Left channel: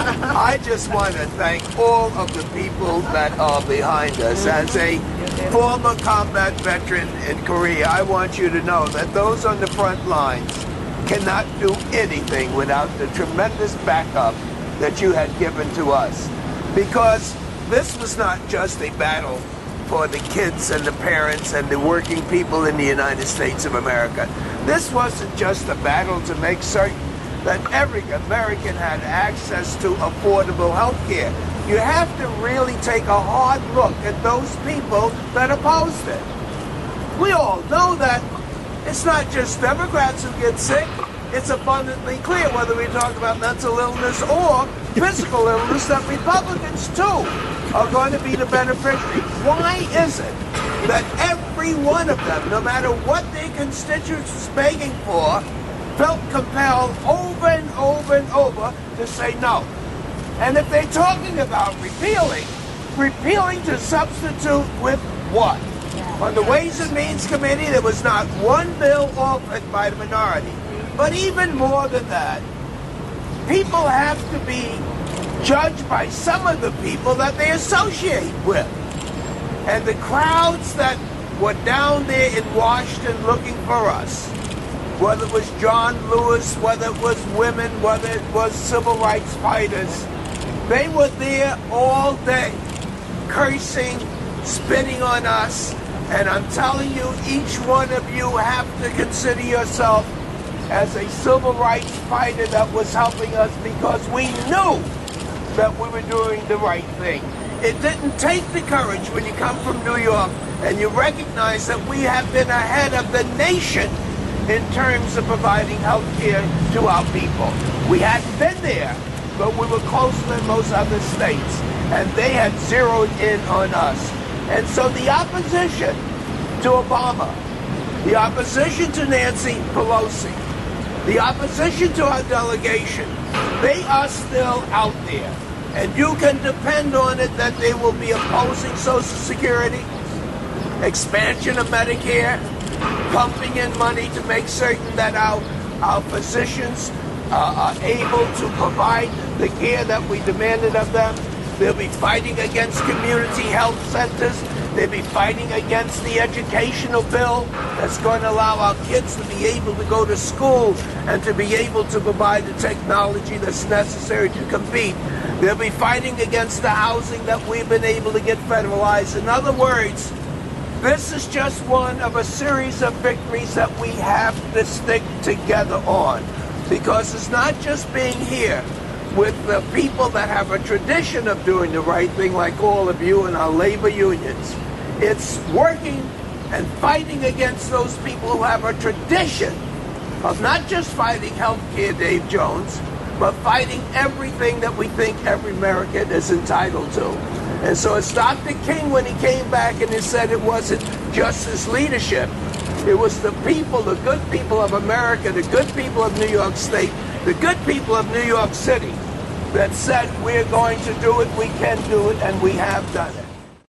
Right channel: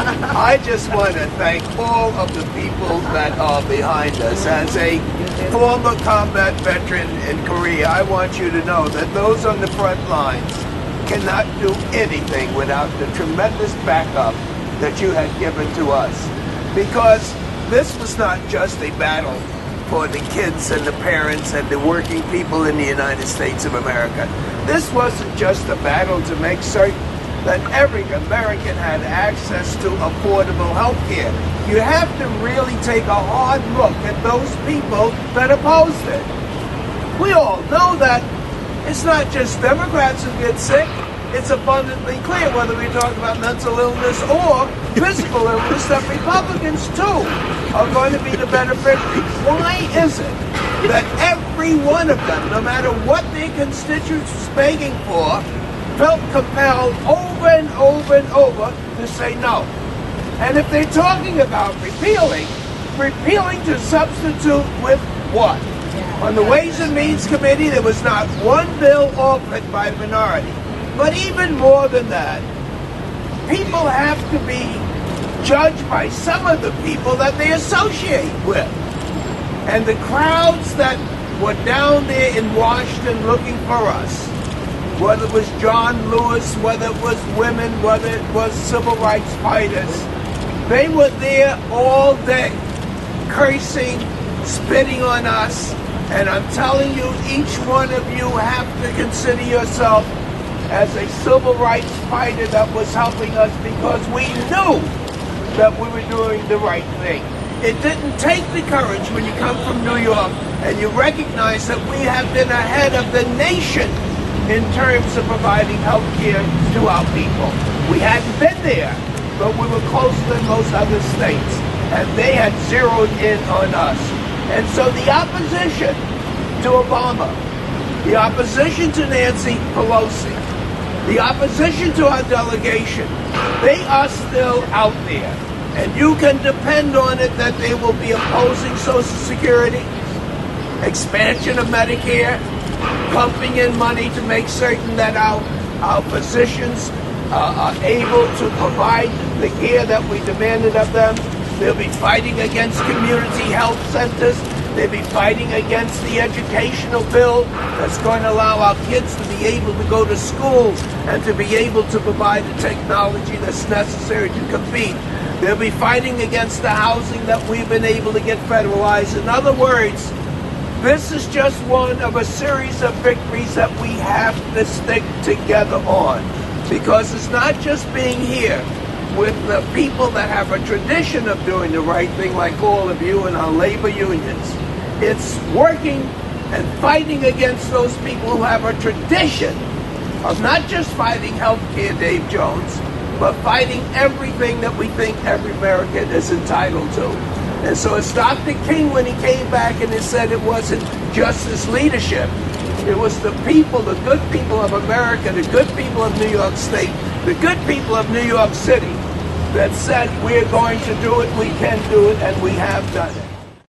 I just want to thank all of the people that are behind us. As a former combat veteran in Korea, I want you to know that those on the front lines cannot do anything without the tremendous backup that you had given to us. Because this was not just a battle for the kids and the parents and the working people in the United States of America. This wasn't just a battle to make certain that every American had access to affordable health care. You have to really take a hard look at those people that opposed it. We all know that it's not just Democrats who get sick. It's abundantly clear, whether we talk about mental illness or physical illness, that Republicans, too, are going to be the beneficiary. Why is it that every one of them, no matter what their constituents was begging for, felt compelled over and over and over to say no? And if they're talking about repealing to substitute with what? On the Ways and Means Committee, there was not one bill offered by the minority. But even more than that, people have to be judged by some of the people that they associate with. And the crowds that were down there in Washington looking for us, whether it was John Lewis, whether it was women, whether it was civil rights fighters, they were there all day, cursing, spitting on us. And I'm telling you, each one of you have to consider yourself as a civil rights fighter that was helping us, because we knew that we were doing the right thing. It didn't take the courage when you come from New York and you recognize that we have been ahead of the nation in terms of providing health care to our people. We hadn't been there, but we were closer than most other states, and they had zeroed in on us. And so the opposition to Obama, the opposition to Nancy Pelosi, the opposition to our delegation, they are still out there. And you can depend on it that they will be opposing Social Security, expansion of Medicare, pumping in money to make certain that our physicians are able to provide the care that we demanded of them. They'll be fighting against community health centers. They'll be fighting against the educational bill that's going to allow our kids to be able to go to school and to be able to provide the technology that's necessary to compete. They'll be fighting against the housing that we've been able to get federalized. In other words, this is just one of a series of victories that we have to stick together on. Because it's not just being here with the people that have a tradition of doing the right thing, like all of you and our labor unions. It's working and fighting against those people who have a tradition of not just fighting health care, Dave Jones, but fighting everything that we think every American is entitled to. And so it's Dr. King when he came back and he said it wasn't just his leadership. It was the people, the good people of America, the good people of New York State, the good people of New York City that said we're going to do it, we can do it, and we have done it.